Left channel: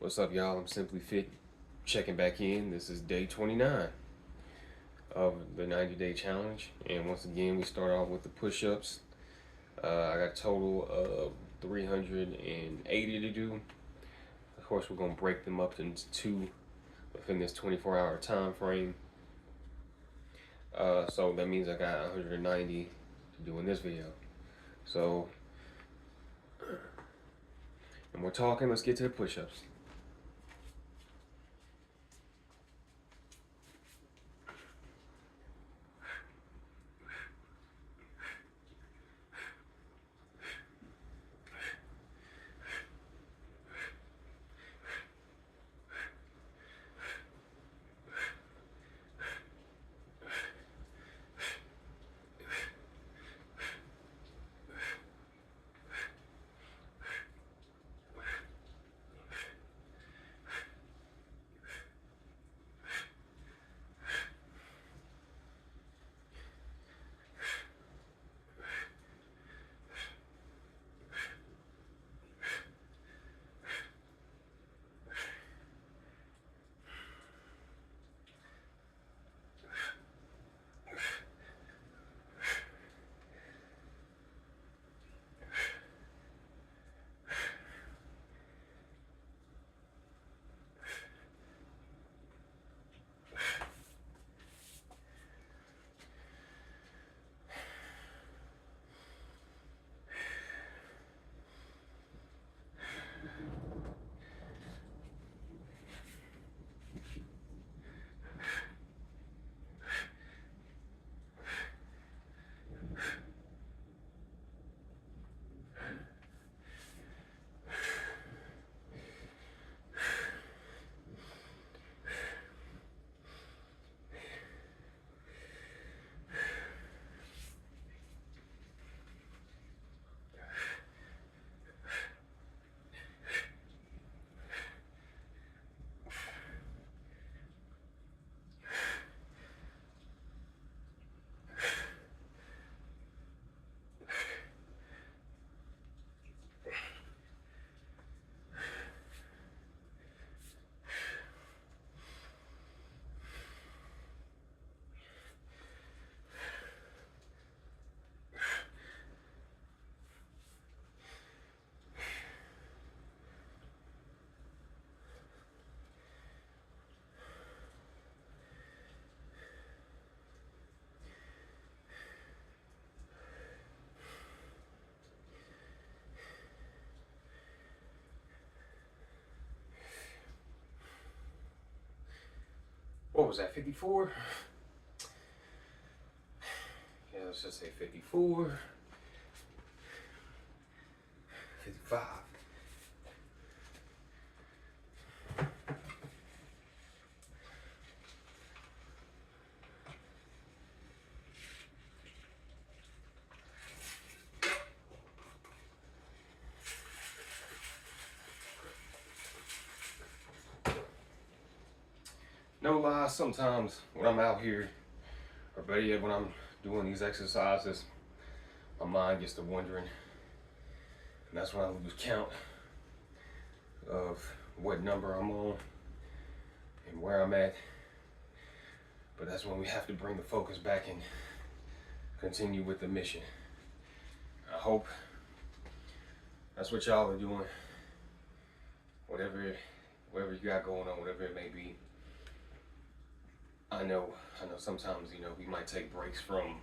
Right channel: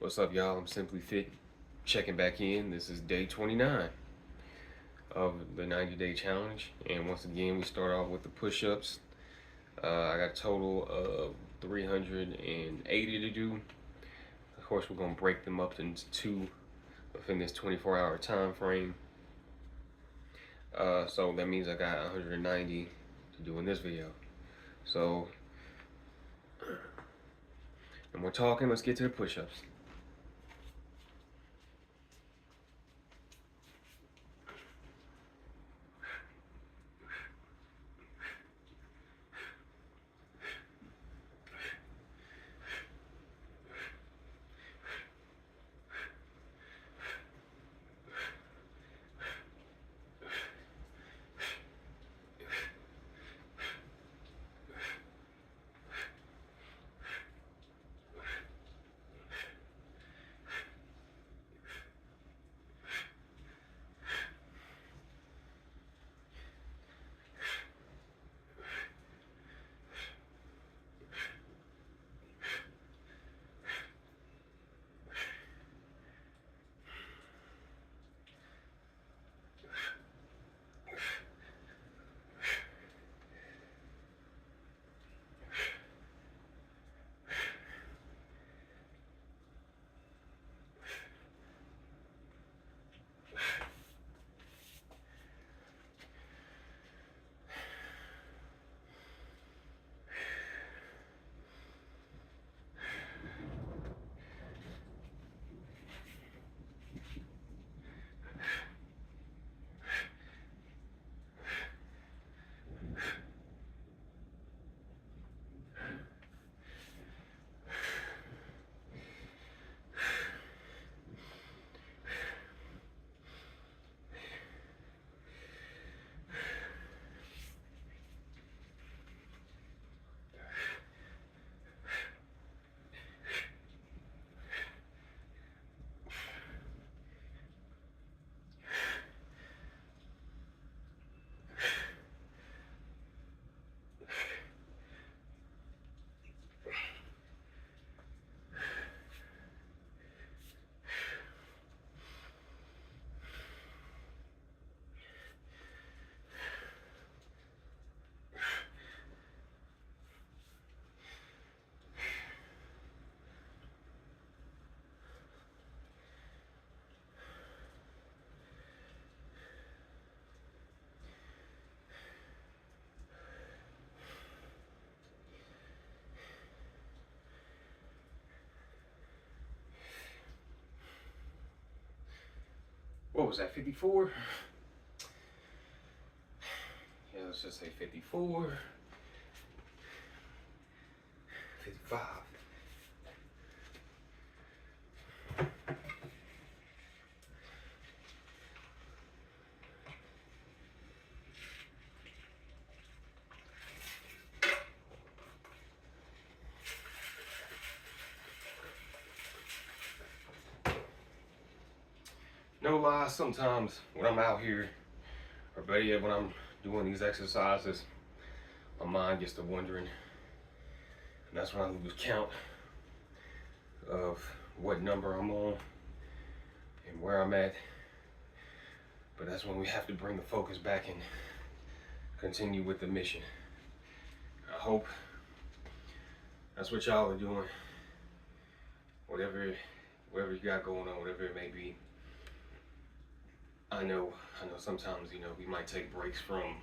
What's up, y'all? I'm Simply Fit, checking back in. This is day 29 of the 90-day challenge. And once again, we start off with the push-ups. I got a total of 380 to do. Of course, we're going to break them up into two within this 24-hour time frame. So that means I got 190 to do in this video. So, and we're talking, let's get to the push-ups. What was that, 54? Yeah, let's just say 54, 55. No lie, sometimes when I'm out here, or better yet, when I'm doing these exercises, my mind gets to wondering, and that's when I lose count of what number I'm on and where I'm at. But that's when we have to bring the focus back and continue with the mission. I hope that's what y'all are doing. Whatever you got going on, whatever it may be. I know sometimes, we might take breaks from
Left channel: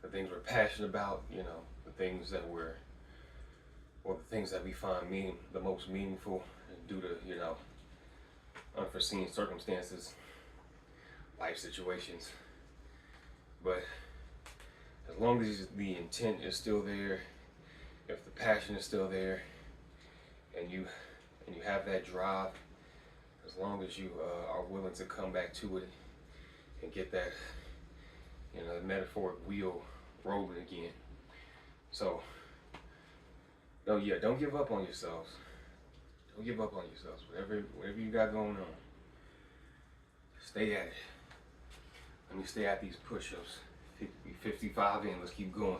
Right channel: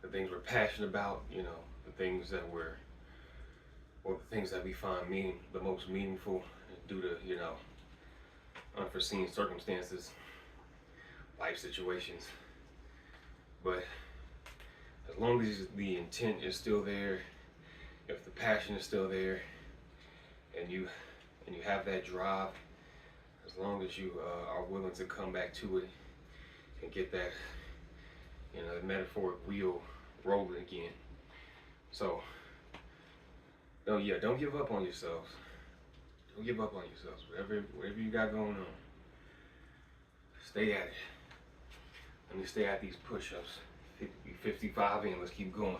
the things we're passionate about, the things that the things that we find the most meaningful due to, unforeseen circumstances, life situations. But as long as the intent is still there, if the passion is still there, and you have that drive, as long as you are willing to come back to it and get that, the metaphoric wheel rolling again. So, don't give up on yourselves. Don't give up on yourselves. Whatever you got going on, stay at it. Let me stay at these push-ups. 55 in. Let's keep going.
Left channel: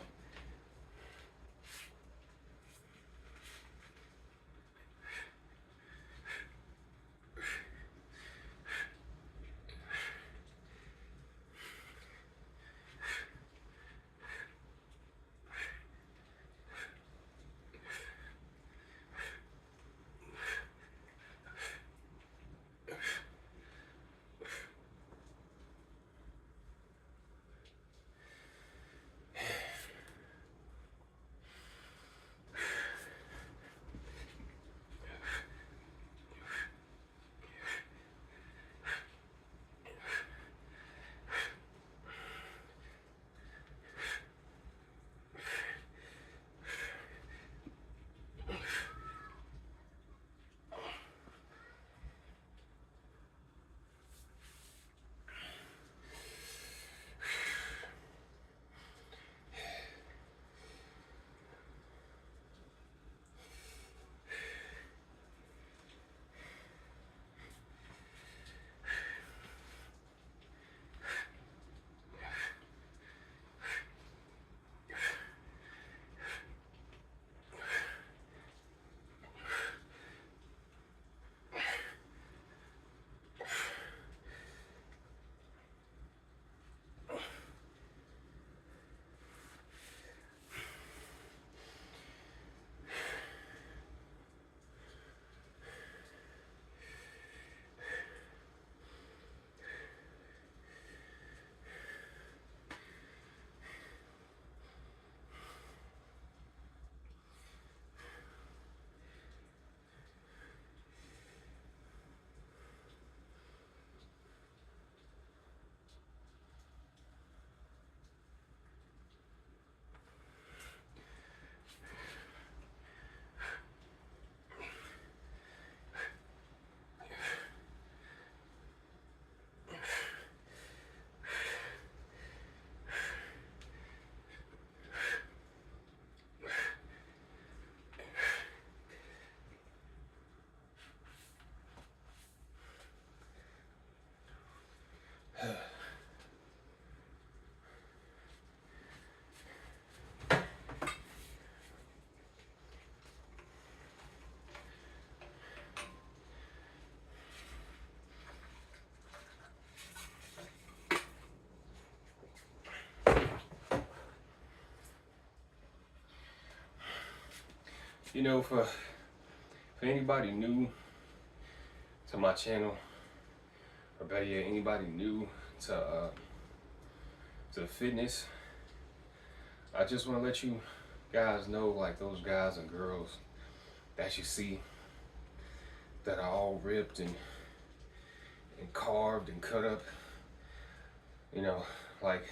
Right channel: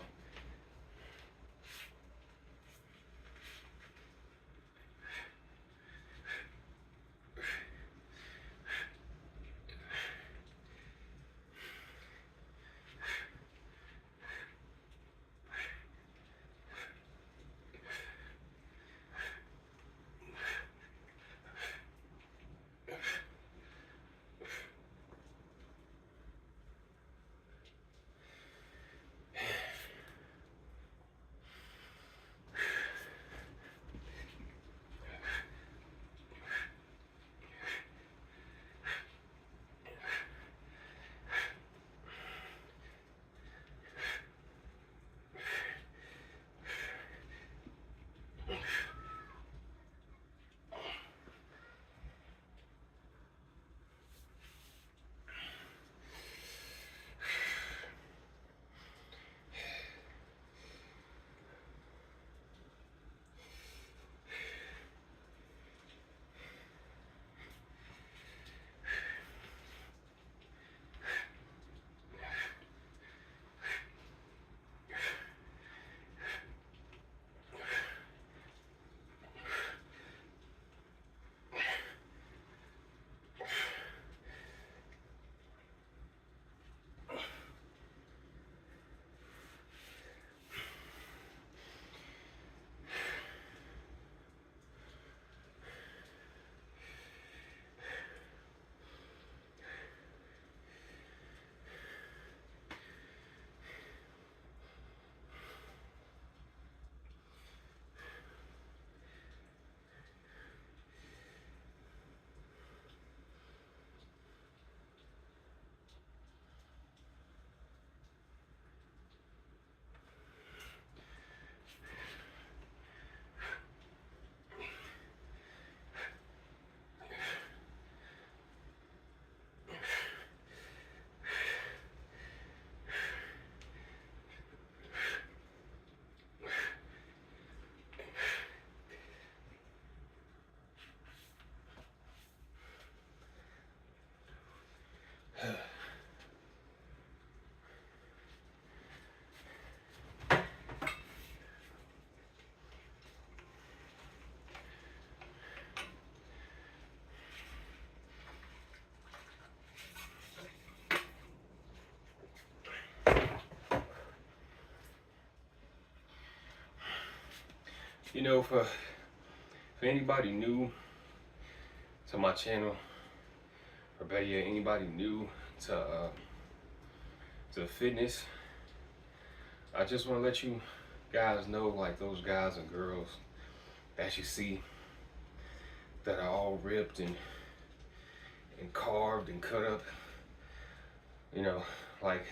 You know, for anybody new to my channel, or better yet, anybody new to fitness, I just want to let you guys know, like those guys and girls that you see that are all ripped and carved and cut up, you know, like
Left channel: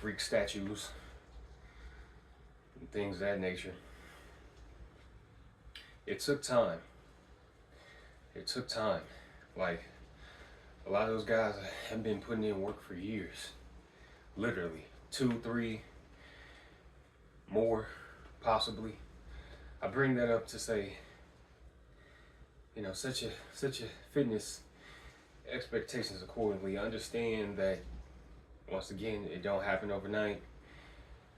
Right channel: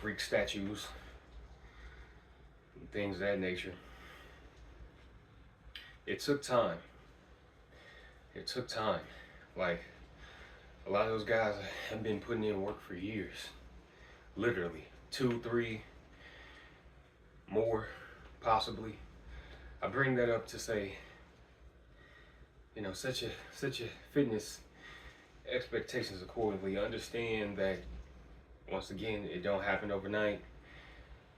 Greek statues and things of that nature. It took time. It took time. Like, a lot of those guys have been putting in work for years. Literally. 2, 3, more, possibly. I bring that up to say, you know, set your fitness expectations accordingly. Understand that, once again, it don't happen overnight.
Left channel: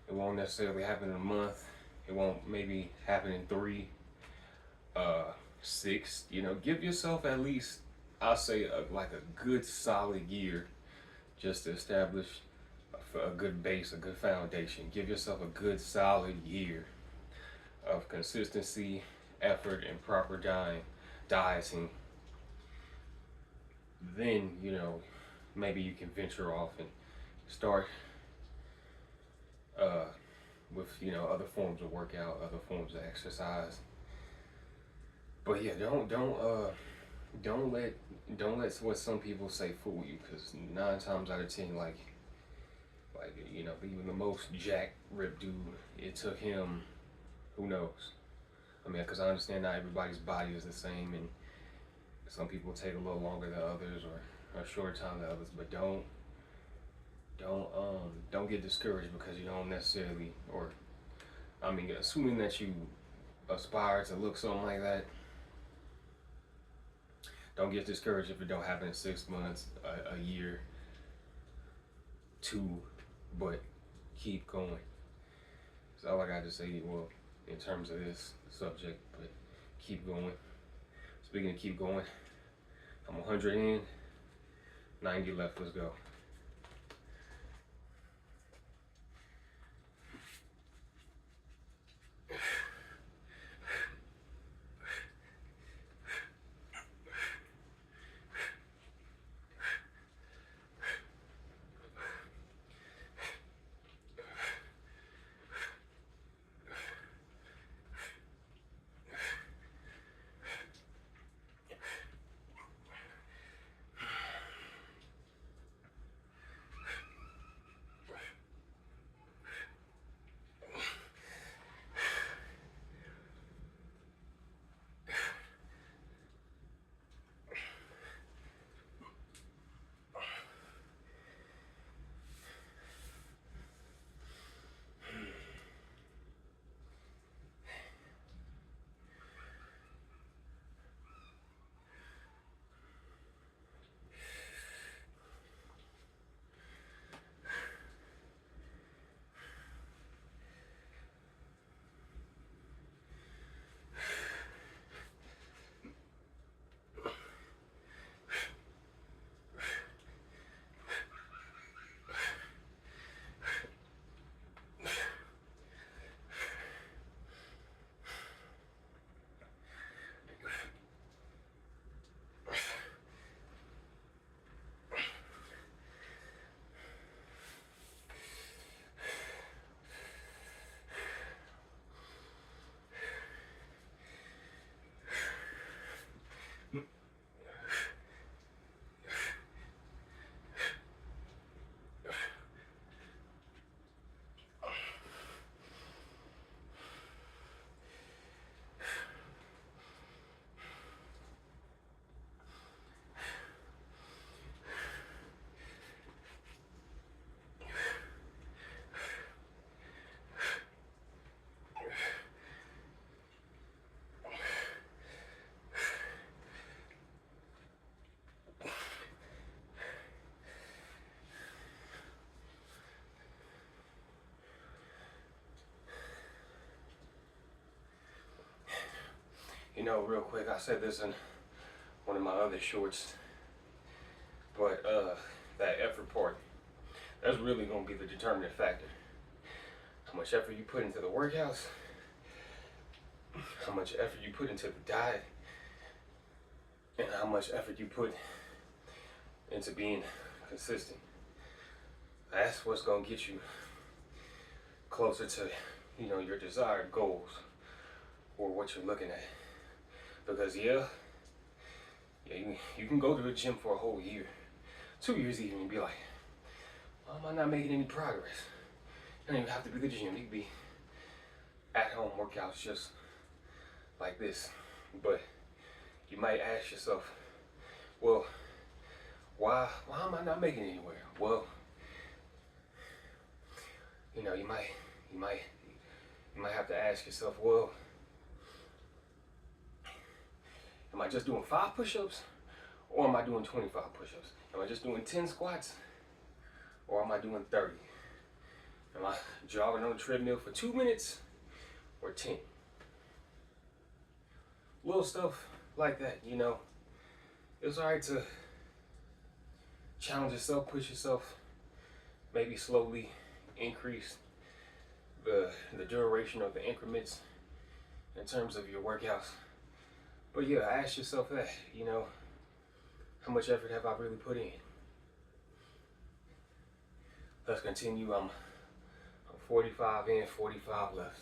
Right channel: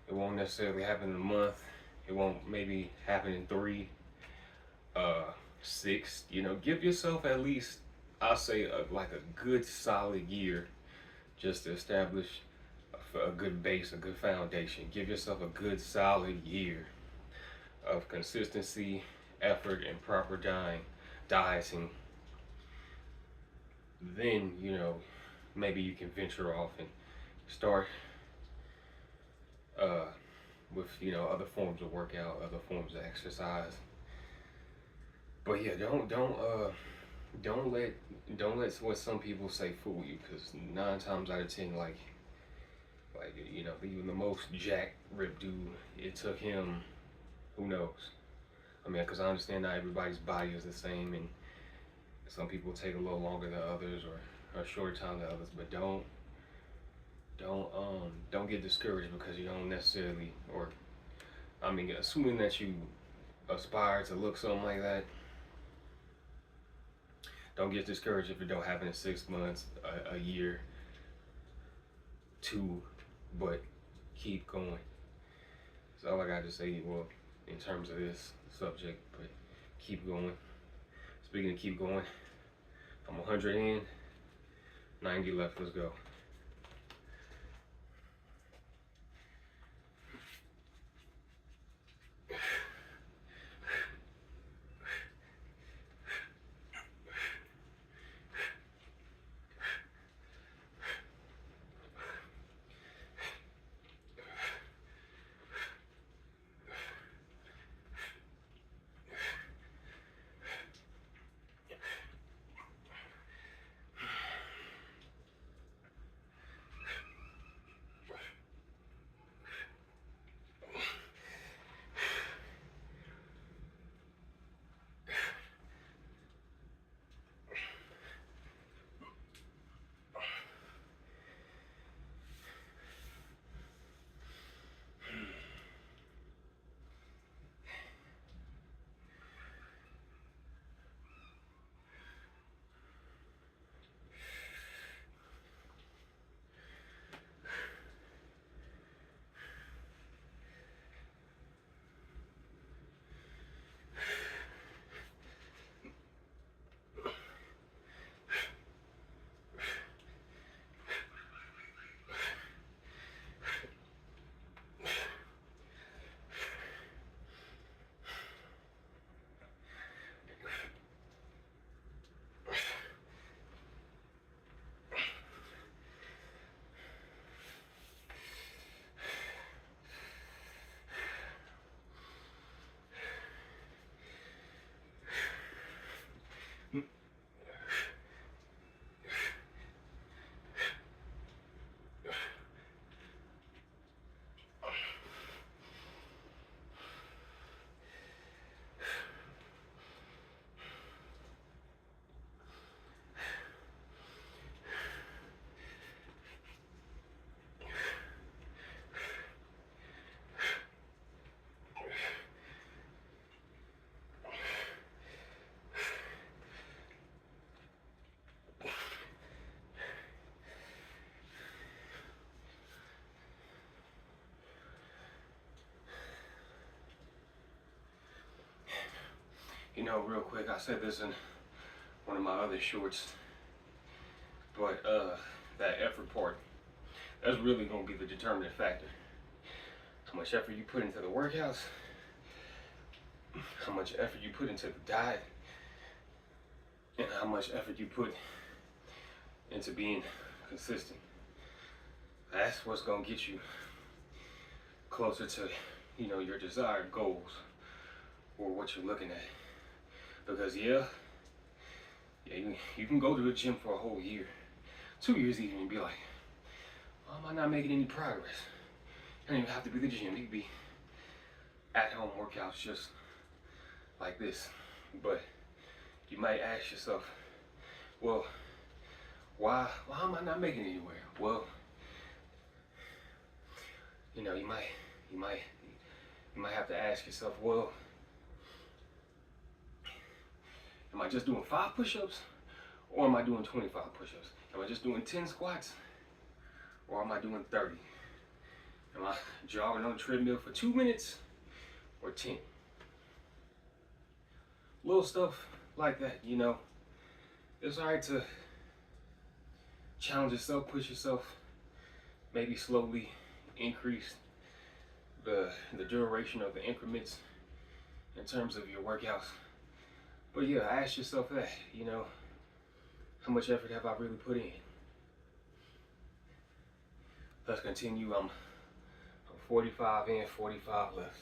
It won't necessarily happen in a month. It won't maybe happen in 3, 6. You know, give yourself at least, I'll say, like a good solid year just to establish a good base, a good foundation. Give yourself a good solid year of consistency, effort, and proper dieting. Then, you know, maybe you can venture off and start with, you know, other forms of workout, other forms of exercise. But yeah, don't let what some people say fool you, because 9 times out of 10, like you know, even the most jacked ripped dude, it took him, who knows? I mean, because I understand not everybody's body is the same, and some people take a little longer than others, or a shorter time than others. But don't get discouraged because you don't necessarily, or I mean, assuming that you aspire to look something like that. Don't get discouraged if it don't happen in 6 months, a year, 2, but keep going. That's all I got to say. Well, in terms of this subject, but keep going. Speaking of keep going, I'm 100 in, 90 left. Let's go. You know, real quick, I said this in one of my other shorts, but that effort part, that's really gonna be the determining factor. How much effort you put into the workouts, much effort you put into the diet and how much effort you put into being consistent. That's what's gonna get you closer to, you know, your desired goals or what you're looking at. Because you can go to the gym for a whole year, 2 years even, and be like, why am I not making any progress? It don't even have to be the gym. It could be at-home workouts just like this. But you might ask yourself, well, why am I not making it anywhere? Well, you know, you might have to ask yourself, well, am I just doing 5 push-ups, or am I doing 25 push-ups? Am I just doing 10 squats, or am I doing 30? Am I jogging on the treadmill for 2 minutes or 10? Little stuff like that, you know. It's alright to challenge yourself, push yourself, maybe slowly increase the duration of the increments in terms of your workouts. But yeah, ask yourself that, you know, how much effort have I really put in? Let's continue. I'm 45 in, 45 left.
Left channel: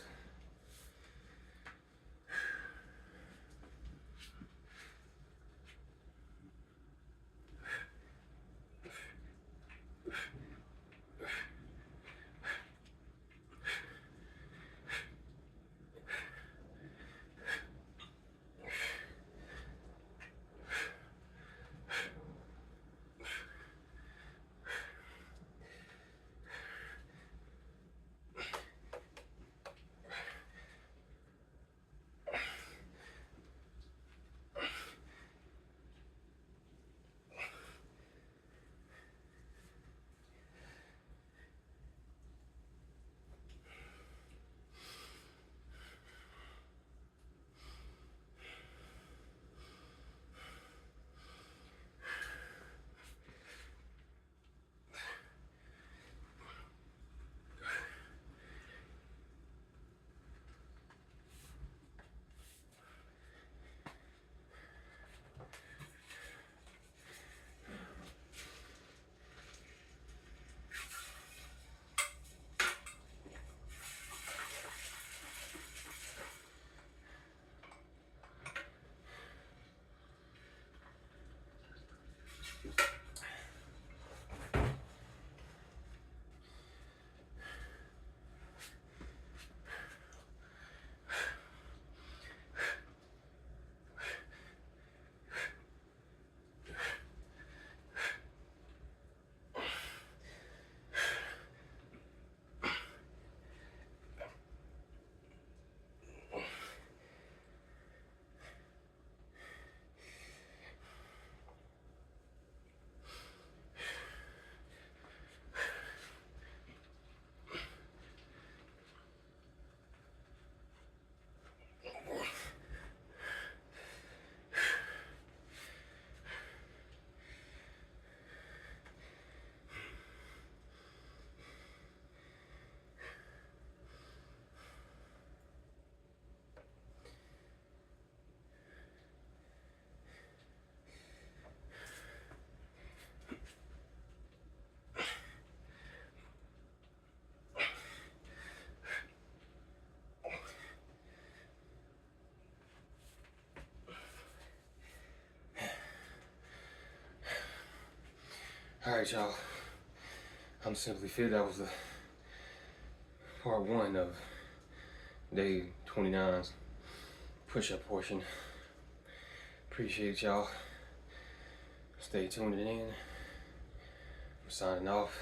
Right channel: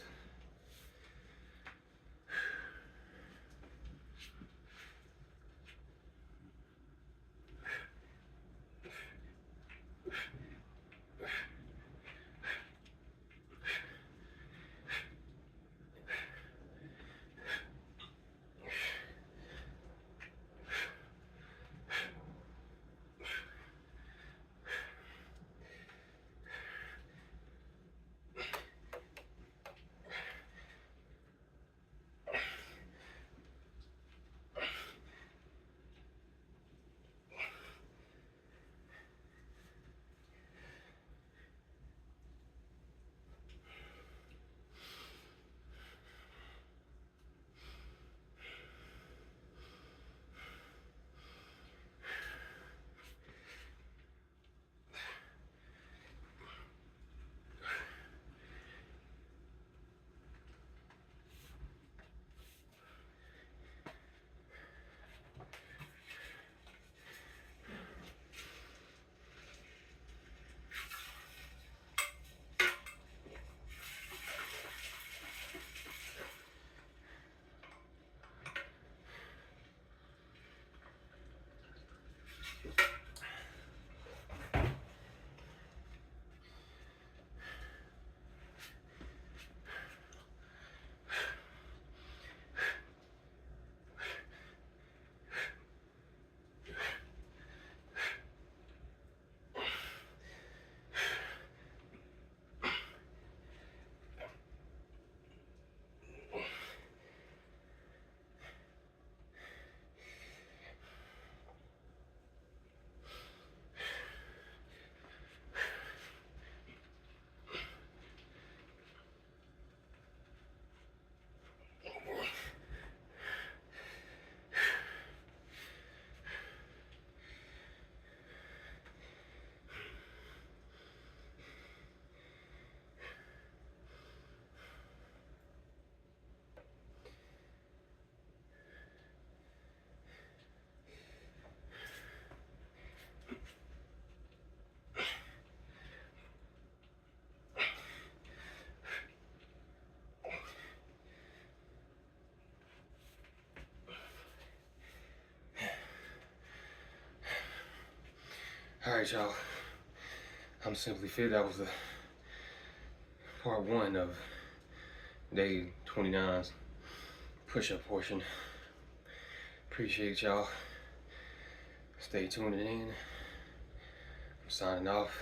All right, y'all. I'm Simply Fit. That was the part 1 of day 29's push-up portion. Appreciate y'all. Stay tuned in. I'm signing off,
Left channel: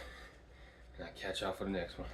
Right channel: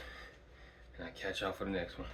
and I'll catch y'all for the next one.